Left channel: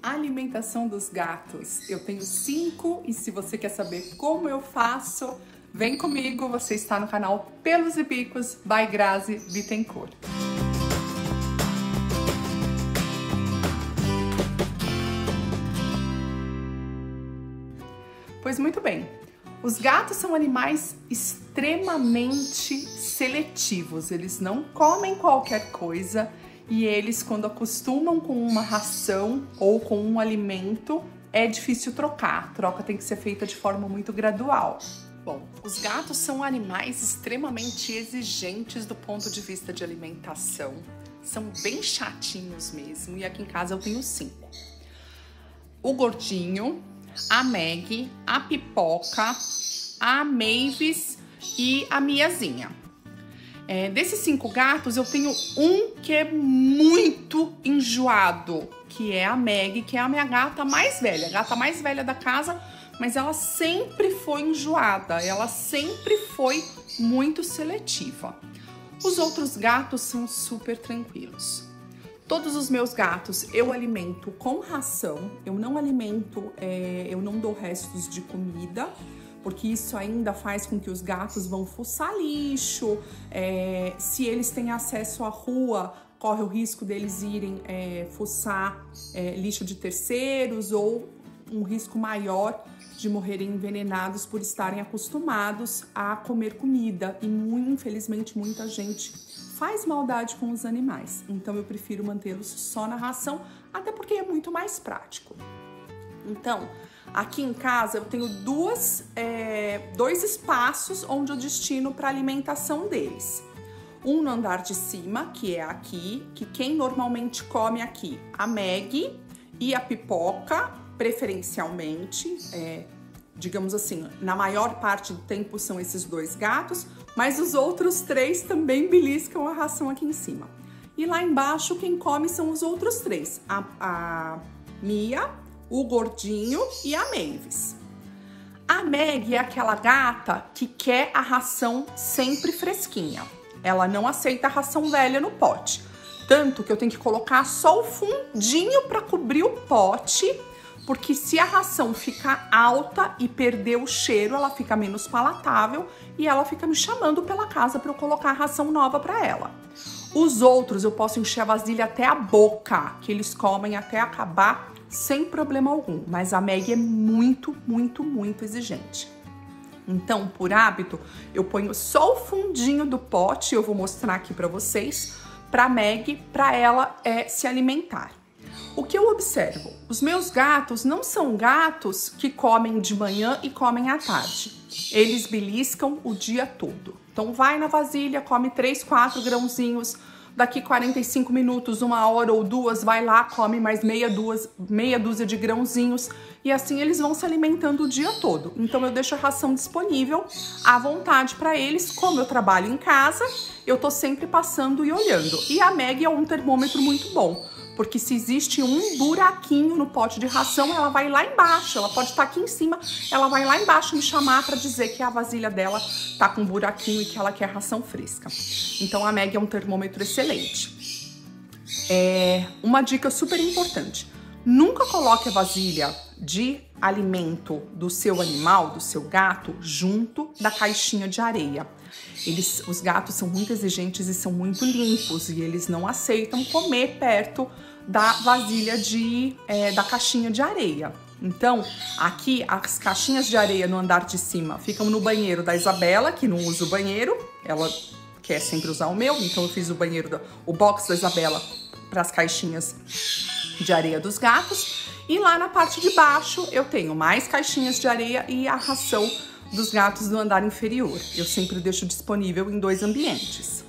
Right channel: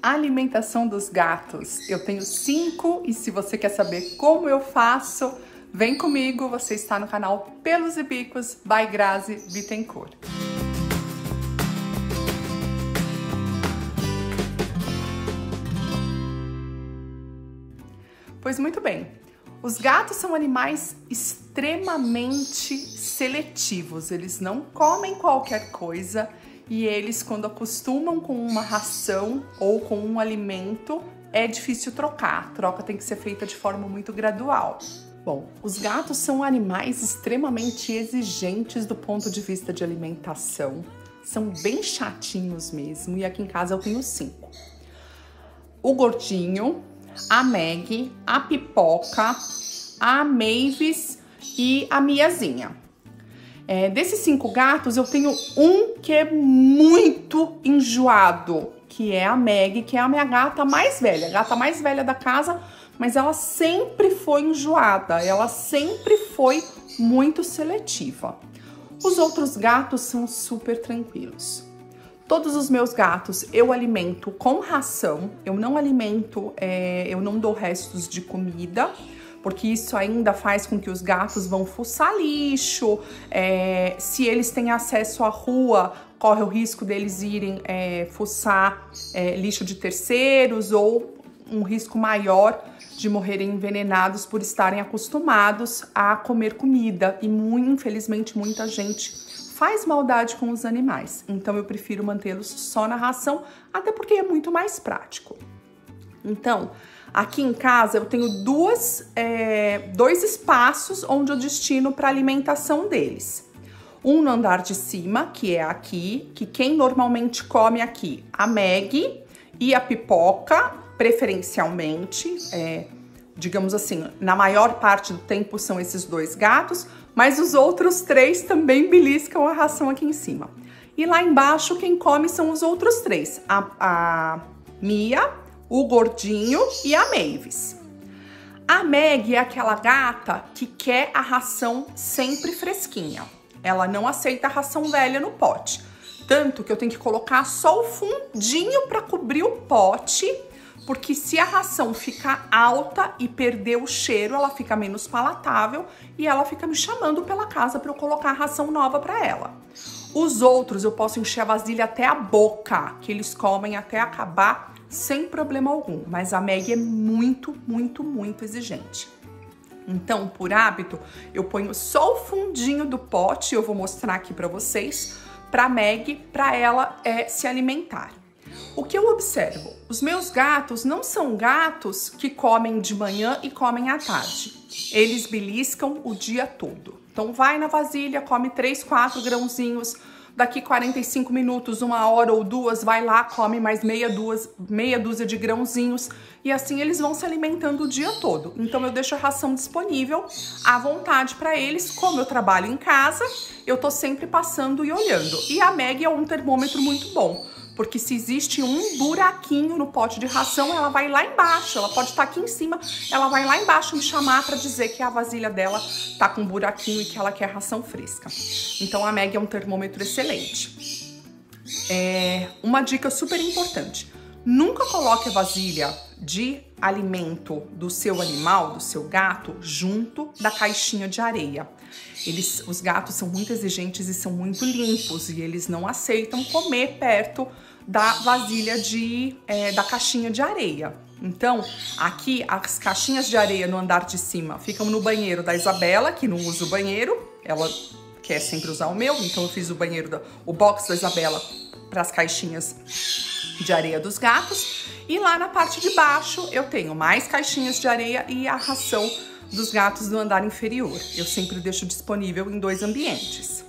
Alimentação dos gatos. Eu tenho 5 e se você quer saber como eu faço, vem comigo, você está no canal Pelos e Bicos by Grazi Bittencourt. Pois muito bem, os gatos são animais extremamente seletivos, eles não comem qualquer coisa e eles, quando acostumam com uma ração ou com um alimento, é difícil trocar. A troca tem que ser feita de forma muito gradual. Bom, os gatos são animais extremamente exigentes do ponto de vista de alimentação. São bem chatinhos mesmo e aqui em casa eu tenho 5. O Gordinho, a Meg, a Pipoca, a Mavis e a Miazinha. Desses 5 gatos, eu tenho um que é muito enjoado, que é a Meg, que é a minha gata mais velha, a gata mais velha da casa, mas ela sempre foi enjoada, ela sempre foi muito seletiva. Os outros gatos são super tranquilos. Todos os meus gatos eu alimento com ração, eu não alimento, eu não dou restos de comida, porque isso ainda faz com que os gatos vão fuçar lixo, se eles têm acesso à rua, corre o risco deles irem fuçar lixo de terceiros ou um risco maior de morrerem envenenados por estarem acostumados a comer comida e infelizmente muita gente faz maldade com os animais, então eu prefiro mantê-los só na ração, até porque é muito mais prático. Então, aqui em casa eu tenho dois espaços onde eu destino para alimentação deles. Um no andar de cima, que é aqui, que quem normalmente come aqui, a Meg e a Pipoca, preferencialmente, digamos assim, na maior parte do tempo são esses 2 gatos, mas os outros 3 também beliscam a ração aqui em cima. E lá embaixo quem come são os outros 3, a Mia, o Gordinho e a Mavis. A Meg é aquela gata que quer a ração sempre fresquinha. Ela não aceita a ração velha no pote. Tanto que eu tenho que colocar só o fundinho para cobrir o pote, porque se a ração ficar alta e perder o cheiro, ela fica menos palatável e ela fica me chamando pela casa para eu colocar a ração nova para ela. Os outros eu posso encher a vasilha até a boca, que eles comem até acabar sem problema algum, mas a Meg é muito, muito, muito exigente. Então, por hábito, eu ponho só o fundinho do pote, eu vou mostrar aqui para vocês, para Meg, para ela se alimentar. O que eu observo? Os meus gatos não são gatos que comem de manhã e comem à tarde. Eles beliscam o dia todo. Então, vai na vasilha, come 3, 4 grãozinhos, daqui 45 minutos, 1 hora ou 2, vai lá, come mais meia dúzia de grãozinhos e assim eles vão se alimentando o dia todo. Então eu deixo a ração disponível à vontade para eles. Como eu trabalho em casa, eu tô sempre passando e olhando. E a Meg é um termômetro muito bom, porque se existe um buraquinho no pote de ração, ela vai lá embaixo, ela pode estar aqui em cima, ela vai lá embaixo me chamar para dizer que a vasilha dela tá com um buraquinho e que ela quer ração fresca. Então a Meg é um termômetro excelente. Uma dica super importante, nunca coloque a vasilha de alimento do seu animal, do seu gato, junto da caixinha de areia. Os gatos são muito exigentes e são muito limpos e eles não aceitam comer perto da vasilha da caixinha de areia. Então, aqui as caixinhas de areia no andar de cima ficam no banheiro da Isabela, que não usa o banheiro, ela quer sempre usar o meu, então eu fiz o box da Isabela para as caixinhas de areia dos gatos. E lá na parte de baixo eu tenho mais caixinhas de areia e a ração dos gatos do andar inferior. Eu sempre deixo disponível em 2 ambientes.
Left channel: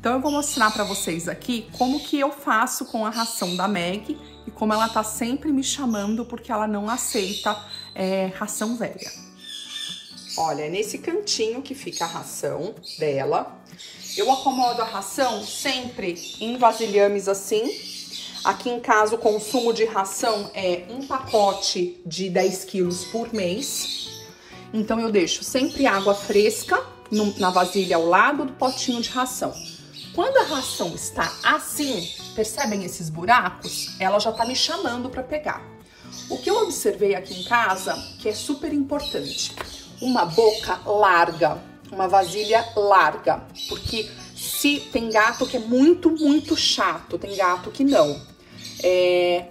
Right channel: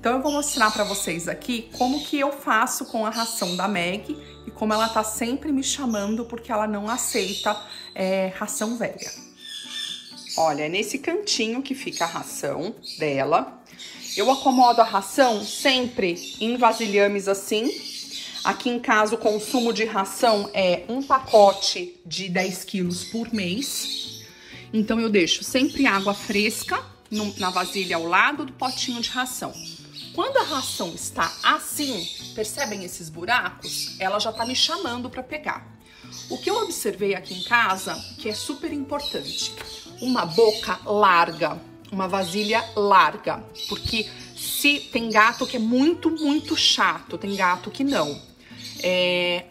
Então eu vou mostrar para vocês aqui como que eu faço com a ração da Meg e como ela tá sempre me chamando porque ela não aceita ração velha. Olha, é nesse cantinho que fica a ração dela. Eu acomodo a ração sempre em vasilhames assim. Aqui em casa o consumo de ração é um pacote de 10 quilos por mês. Então eu deixo sempre água fresca na vasilha ao lado do potinho de ração. Quando a ração está assim, percebem esses buracos? Ela já tá me chamando para pegar. O que eu observei aqui em casa, que é super importante, uma boca larga, uma vasilha larga, porque se tem gato que é muito chato, tem gato que não.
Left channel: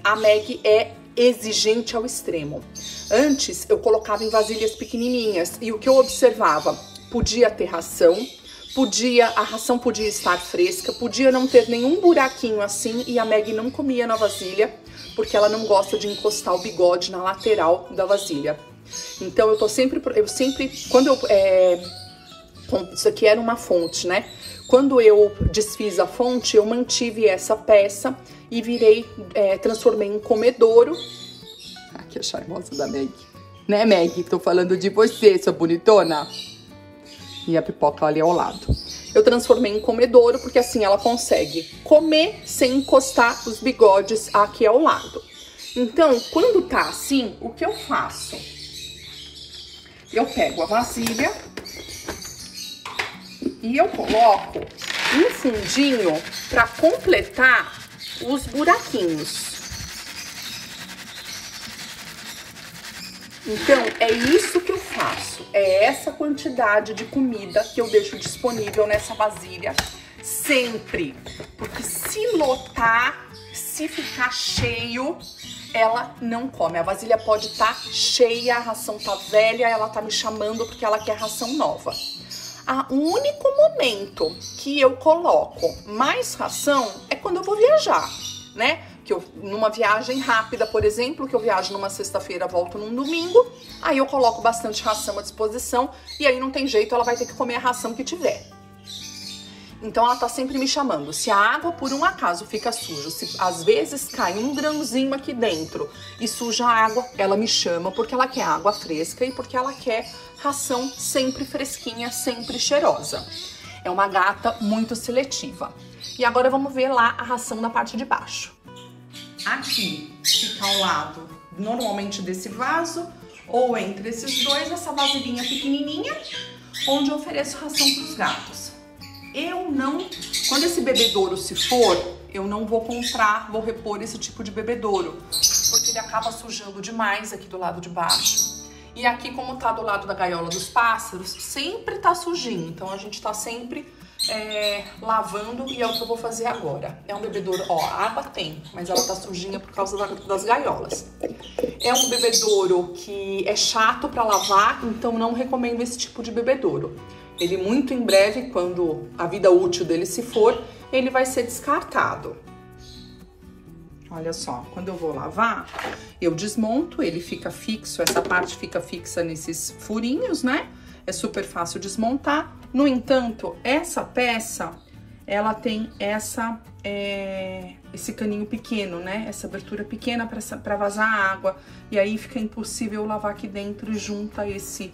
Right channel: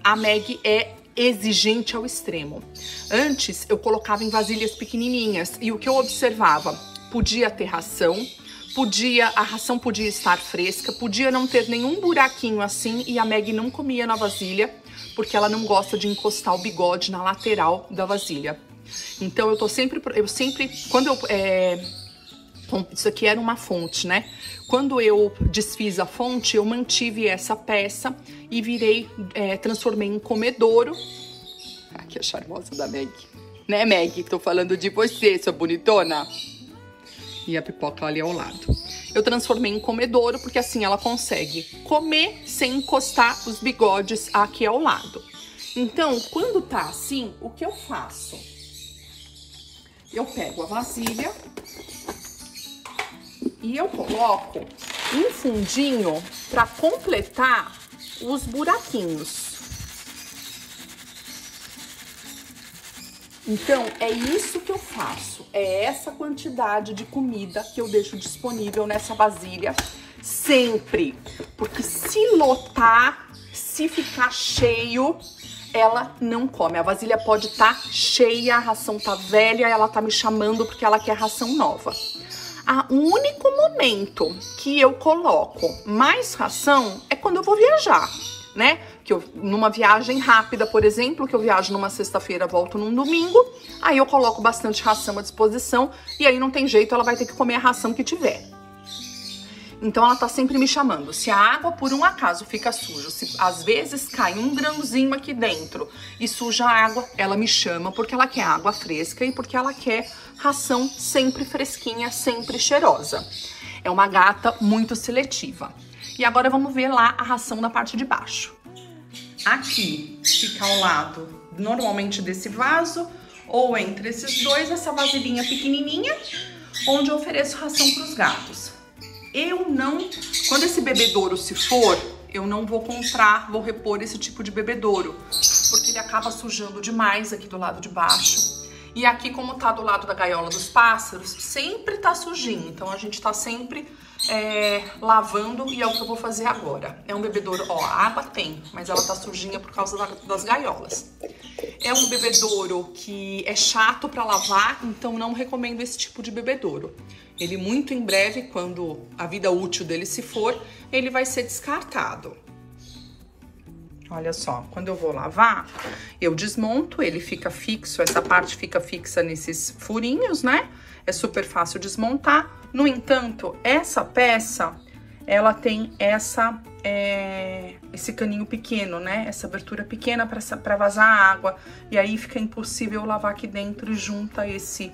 A Meg é exigente ao extremo. Antes eu colocava em vasilhas pequenininhas e o que eu observava, podia ter ração, a ração podia estar fresca, podia não ter nenhum buraquinho assim e a Meg não comia na vasilha, porque ela não gosta de encostar o bigode na lateral da vasilha. Então eu sempre, quando isso aqui era uma fonte, né? Quando eu desfiz a fonte, eu mantive essa peça e transformei em comedouro. Aqui a charmosa da Meg. Né, Meg? Tô falando de você, sua bonitona. E a pipoca ali ao lado. Eu transformei em comedouro, porque assim ela consegue comer sem encostar os bigodes aqui ao lado. Então, quando tá assim, o que eu faço? Eu pego a vasilha e eu coloco um fundinho para completar os buraquinhos. Então, é isso que eu faço. É essa quantidade de comida que eu deixo disponível nessa vasilha sempre. Porque se lotar, se ficar cheio, ela não come. A vasilha pode estar cheia, a ração tá velha, ela tá me chamando porque ela quer ração nova. O único momento que eu coloco mais ração é quando eu vou viajar, né? Numa viagem rápida, por exemplo, que eu viajo numa sexta-feira, volto num domingo, aí eu coloco bastante ração à disposição e aí não tem jeito, ela vai ter que comer a ração que tiver. Então ela tá sempre me chamando. Se a água por um acaso fica suja, se às vezes cai um grãozinho aqui dentro e suja a água, ela me chama porque ela quer água fresca e porque ela quer ração sempre fresquinha, sempre cheirosa. É uma gata muito seletiva. E agora vamos ver lá a ração na parte de baixo. Aqui fica ao lado, normalmente desse vaso, ou entre esses dois, essa vasilhinha pequenininha, onde eu ofereço ração para os gatos. Quando esse bebedouro se for, eu não vou vou repor esse tipo de bebedouro, porque ele acaba sujando demais aqui do lado de baixo. E aqui, como tá do lado da gaiola dos pássaros, sempre tá sujinho, então a gente tá sempre lavando e é o que eu vou fazer agora. É um bebedouro, ó, a água tem, mas ela tá sujinha por causa das gaiolas. É um bebedouro que é chato pra lavar, então não recomendo esse tipo de bebedouro. Ele muito em breve, quando a vida útil dele se for, ele vai ser descartado. Olha só, quando eu vou lavar, eu desmonto, ele fica fixo, essa parte fica fixa nesses furinhos, né? É super fácil desmontar. No entanto, essa peça, ela tem esse caninho pequeno, né? Essa abertura pequena para vazar água. E aí fica impossível lavar aqui dentro e junta esse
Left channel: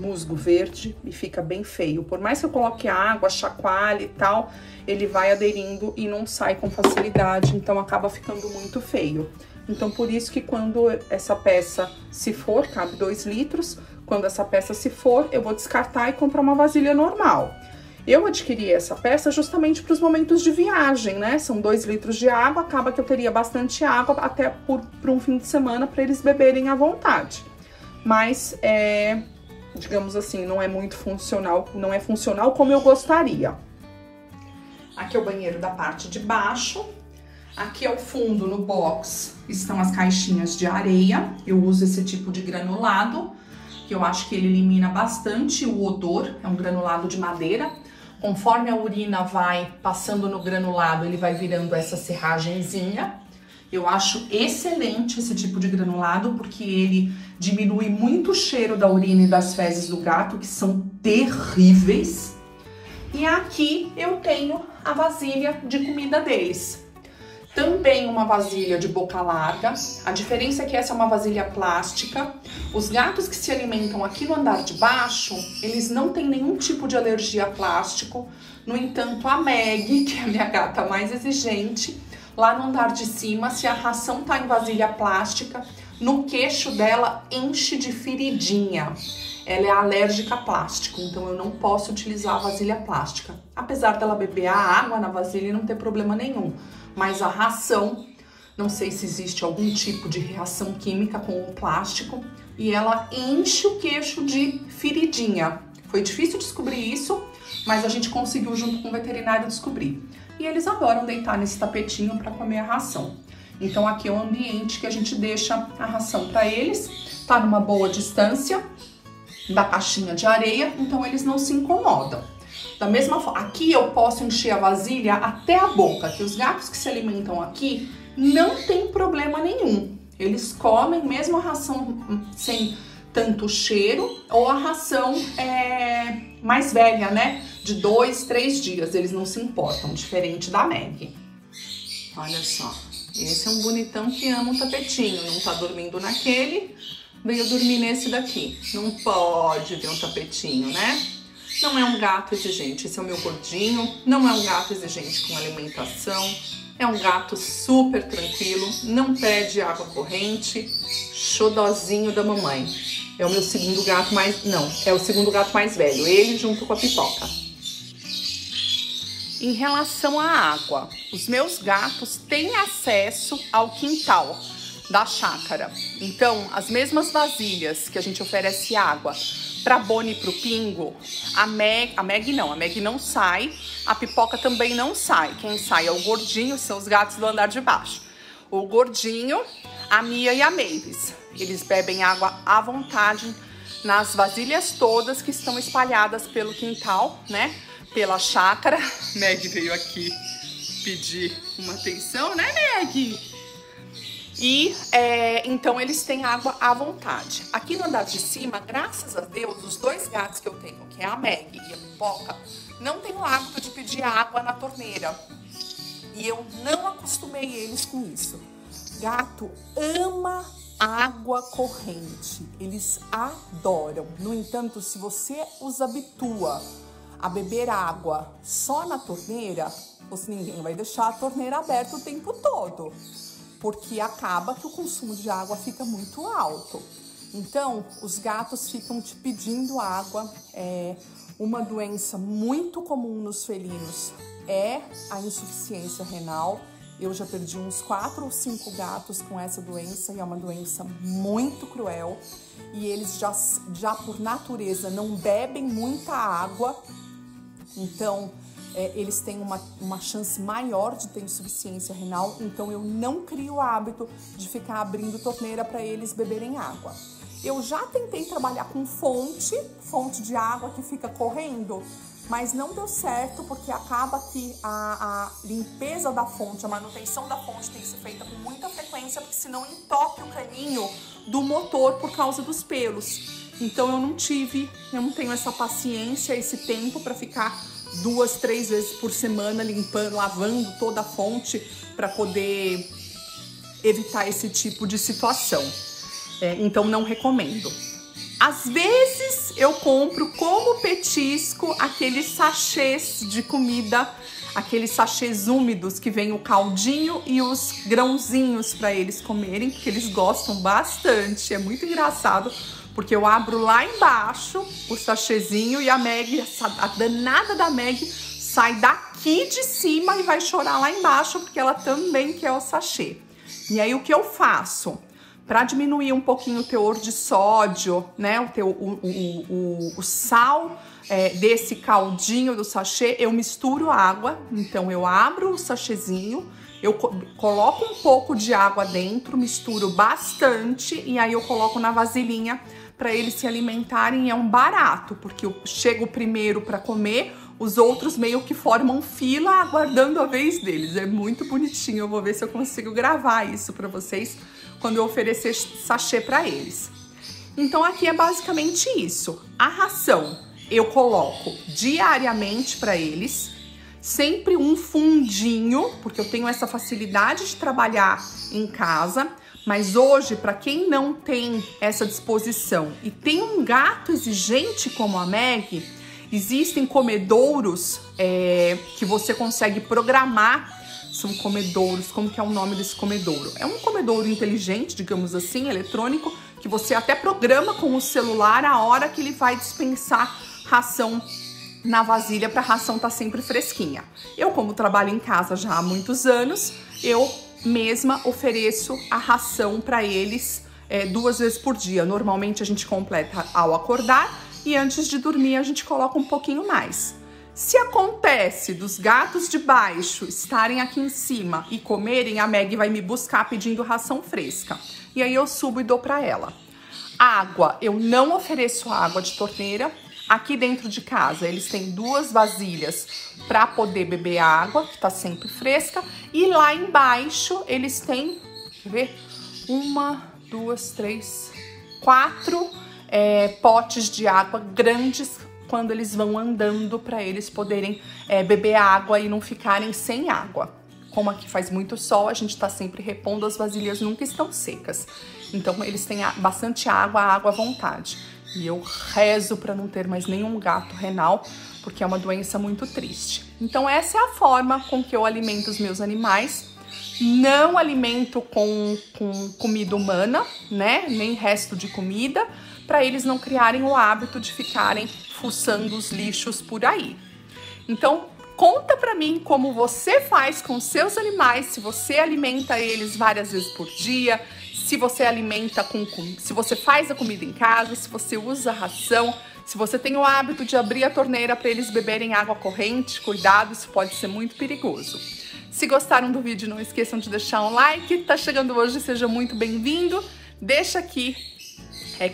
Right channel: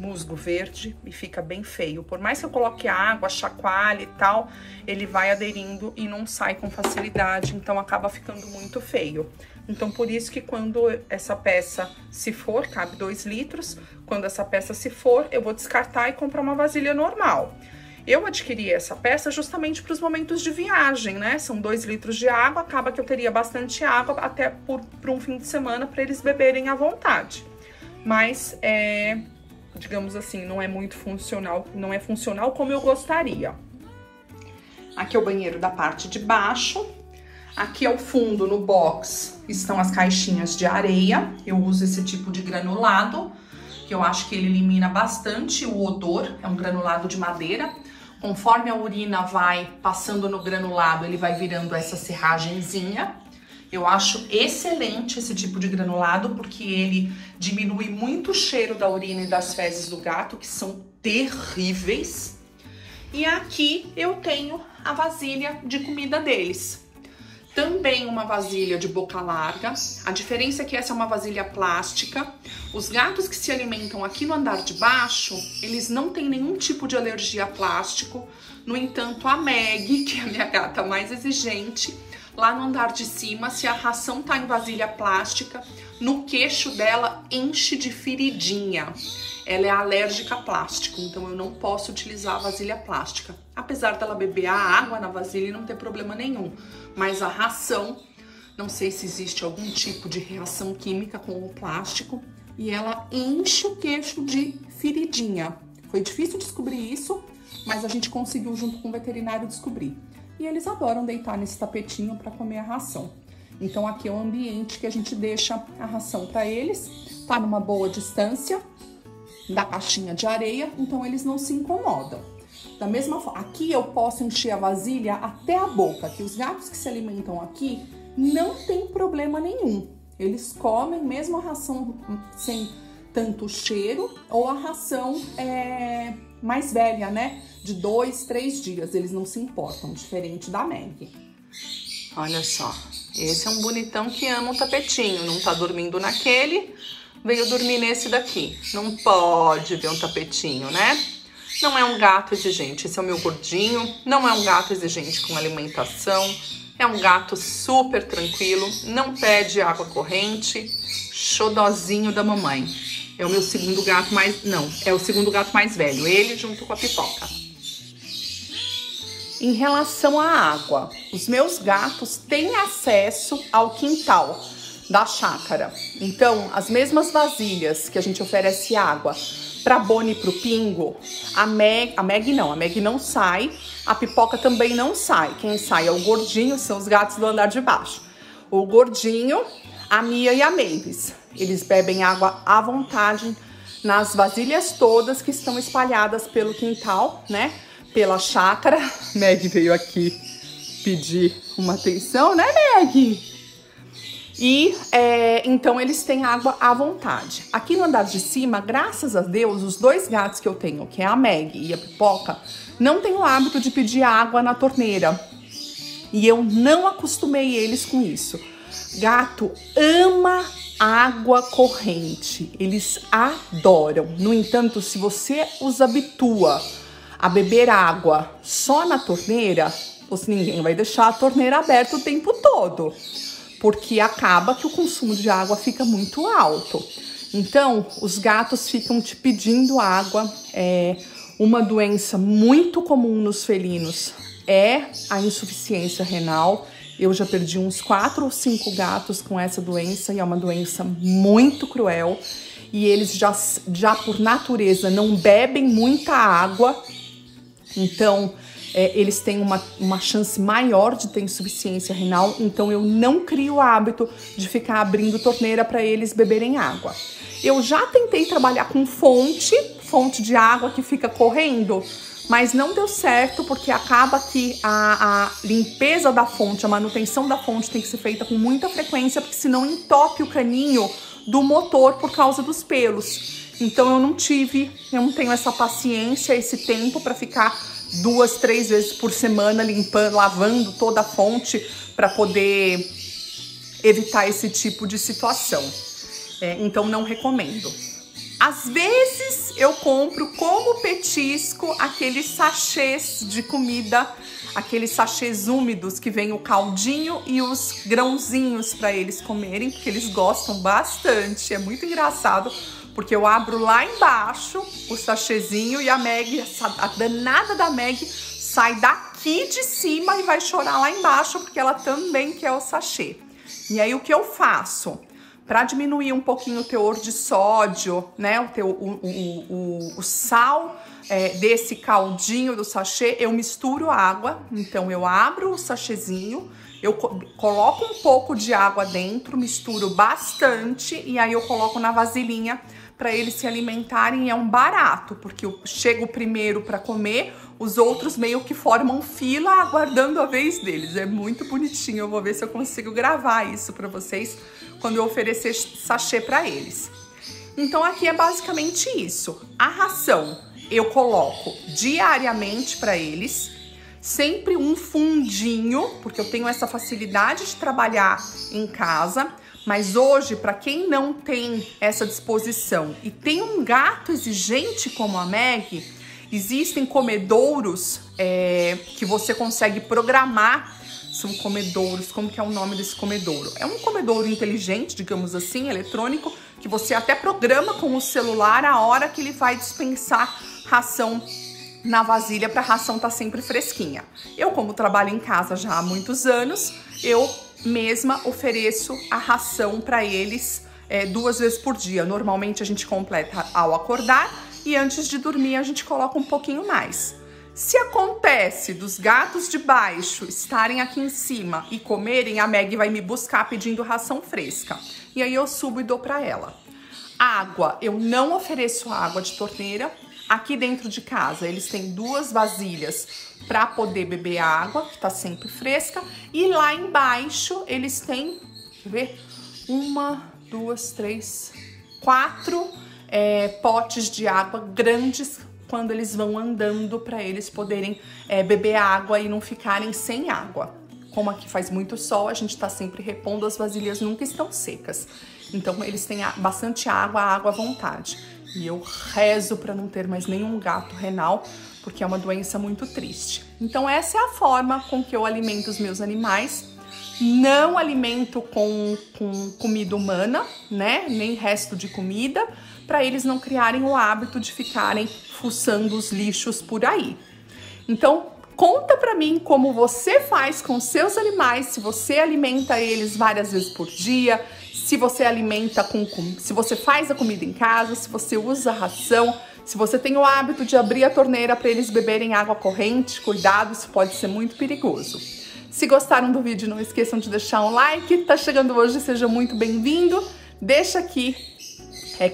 musgo verde e fica bem feio. Por mais que eu coloque água, chacoalhe e tal, ele vai aderindo e não sai com facilidade, então acaba ficando muito feio. Então, por isso que quando essa peça se for, cabe 2 litros, quando essa peça se for, eu vou descartar e comprar uma vasilha normal. Eu adquiri essa peça justamente para os momentos de viagem, né? São 2 litros de água, acaba que eu teria bastante água até por um fim de semana para eles beberem à vontade. Mas, digamos assim, não é muito funcional, não é funcional como eu gostaria. Aqui é o banheiro da parte de baixo. Aqui ao fundo, no box, estão as caixinhas de areia. Eu uso esse tipo de granulado, que eu acho que ele elimina bastante o odor. É um granulado de madeira. Conforme a urina vai passando no granulado, ele vai virando essa serragenzinha. Eu acho excelente esse tipo de granulado, porque ele diminui muito o cheiro da urina e das fezes do gato, que são terríveis. E aqui eu tenho a vasilha de comida deles. Também uma vasilha de boca larga. A diferença é que essa é uma vasilha plástica. Os gatos que se alimentam aqui no andar de baixo, eles não têm nenhum tipo de alergia a plástico. No entanto, a Meg, que é a minha gata mais exigente, lá no andar de cima, se a ração tá em vasilha plástica, no queixo dela enche de feridinha. Ela é alérgica a plástico, então eu não posso utilizar a vasilha plástica. apesar dela beber a água na vasilha e não ter problema nenhum. Mas a ração, não sei se existe algum tipo de reação química com o plástico, e ela enche o queixo de feridinha. Foi difícil descobrir isso, mas a gente conseguiu junto com o veterinário descobrir. E eles adoram deitar nesse tapetinho para comer a ração. Então aqui é o ambiente que a gente deixa a ração para eles, tá numa boa distância da caixinha de areia, então eles não se incomodam. Da mesma forma, aqui eu posso encher a vasilha até a boca, que os gatos que se alimentam aqui não tem problema nenhum. Eles comem mesmo a ração sem tanto cheiro ou a ração mais velha, né? De 2, 3 dias, eles não se importam, diferente da Meg. Olha só, esse é um bonitão que ama o tapetinho, não tá dormindo naquele, veio dormir nesse daqui. Não pode ver um tapetinho, né? Não é um gato exigente, esse é o meu gordinho, não é um gato exigente com alimentação, é um gato super tranquilo, não pede água corrente, xodozinho da mamãe. É o meu segundo gato é o segundo gato mais velho, ele junto com a Pipoca. Em relação à água, os meus gatos têm acesso ao quintal da chácara. Então, as mesmas vasilhas que a gente oferece água pra Bonnie e pro Pingo, a Meg não sai, a Pipoca também não sai. Quem sai é o Gordinho, são os gatos do andar de baixo. O Gordinho, a Mia e a Mavis. Eles bebem água à vontade nas vasilhas todas que estão espalhadas pelo quintal, né? Pela chácara. Meg veio aqui pedir uma atenção, né, Meg? E então eles têm água à vontade. Aqui no andar de cima, graças a Deus, os dois gatos que eu tenho, que é a Meg e a Pipoca, não têm o hábito de pedir água na torneira. E eu não acostumei eles com isso. Gato ama água corrente, eles adoram. No entanto, se você os habitua a beber água só na torneira, ninguém vai deixar a torneira aberta o tempo todo, porque acaba que o consumo de água fica muito alto. Então, os gatos ficam te pedindo água. Uma doença muito comum nos felinos é a insuficiência renal. Eu já perdi uns 4 ou 5 gatos com essa doença e é uma doença muito cruel. E eles já por natureza não bebem muita água, então eles têm uma chance maior de ter insuficiência renal. Então eu não crio o hábito de ficar abrindo torneira para eles beberem água. Eu já tentei trabalhar com fonte de água que fica correndo, mas não deu certo, porque acaba que a limpeza da fonte, a manutenção da fonte tem que ser feita com muita frequência, porque senão entope o caninho do motor por causa dos pelos. Então eu não tenho essa paciência, esse tempo para ficar 2, 3 vezes por semana limpando, lavando toda a fonte para poder evitar esse tipo de situação. Então não recomendo. Às vezes eu compro como petisco aqueles sachês de comida, aqueles sachês úmidos que vem o caldinho e os grãozinhos para eles comerem, porque eles gostam bastante. É muito engraçado, porque eu abro lá embaixo o sachêzinho e a Meg, a danada da Meg, sai daqui de cima e vai chorar lá embaixo, porque ela também quer o sachê. E aí o que eu faço? Para diminuir um pouquinho o teor de sódio, né, o sal desse caldinho do sachê, eu misturo água. Então eu abro o sachêzinho, eu coloco um pouco de água dentro, misturo bastante e aí eu coloco na vasilhinha para eles se alimentarem. É um barato, porque eu chego primeiro para comer, os outros meio que formam fila aguardando a vez deles. É muito bonitinho, eu vou ver se eu consigo gravar isso para vocês quando eu oferecer sachê para eles. Então aqui é basicamente isso. A ração eu coloco diariamente para eles, sempre um fundinho, porque eu tenho essa facilidade de trabalhar em casa, mas hoje, para quem não tem essa disposição e tem um gato exigente como a Meg, existem comedouros que você consegue programar. São comedouros, como que é o nome desse comedouro? É um comedouro inteligente, digamos assim, eletrônico, que você até programa com o celular a hora que ele vai dispensar ração na vasilha para a ração estar sempre fresquinha. Eu, como trabalho em casa já há muitos anos, eu mesma ofereço a ração para eles 2 vezes por dia. Normalmente a gente completa ao acordar e antes de dormir a gente coloca um pouquinho mais. Se acontece dos gatos de baixo estarem aqui em cima e comerem, a Meg vai me buscar pedindo ração fresca. E aí eu subo e dou para ela. Água, eu não ofereço água de torneira. Aqui dentro de casa eles têm 2 vasilhas para poder beber água, que tá sempre fresca. E lá embaixo eles têm, deixa eu ver, 1, 2, 3, 4 potes de água grandes quando eles vão andando para eles poderem beber água e não ficarem sem água. Como aqui faz muito sol, a gente tá sempre repondo, as vasilhas nunca estão secas. Então eles têm bastante água à vontade. E eu rezo para não ter mais nenhum gato renal, porque é uma doença muito triste. Então essa é a forma com que eu alimento os meus animais. Não alimento com comida humana, né? Nem resto de comida, para eles não criarem o hábito de ficarem fuçando os lixos por aí. Então, conta pra mim como você faz com seus animais, se você alimenta eles várias vezes por dia, se você alimenta se você faz a comida em casa, se você usa ração, se você tem o hábito de abrir a torneira para eles beberem água corrente, cuidado, isso pode ser muito perigoso. Se gostaram do vídeo, não esqueçam de deixar um like. Tá chegando hoje, seja muito bem-vindo. Deixa aqui,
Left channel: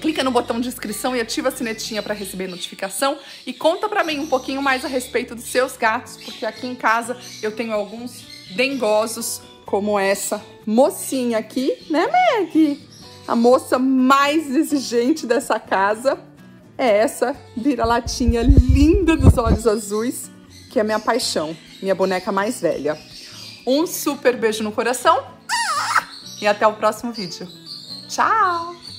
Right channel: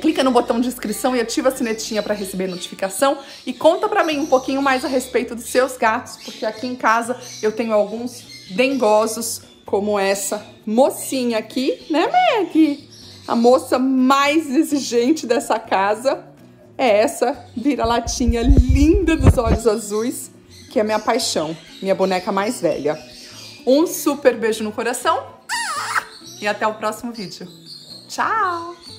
clica no botão de inscrição e ativa a sinetinha para receber notificação. E conta pra mim um pouquinho mais a respeito dos seus gatos, porque aqui em casa eu tenho alguns dengosos, como essa mocinha aqui, né, Meg? A moça mais exigente dessa casa é essa vira-latinha linda dos olhos azuis, que é a minha paixão, minha boneca mais velha. Um super beijo no coração e até o próximo vídeo. Tchau!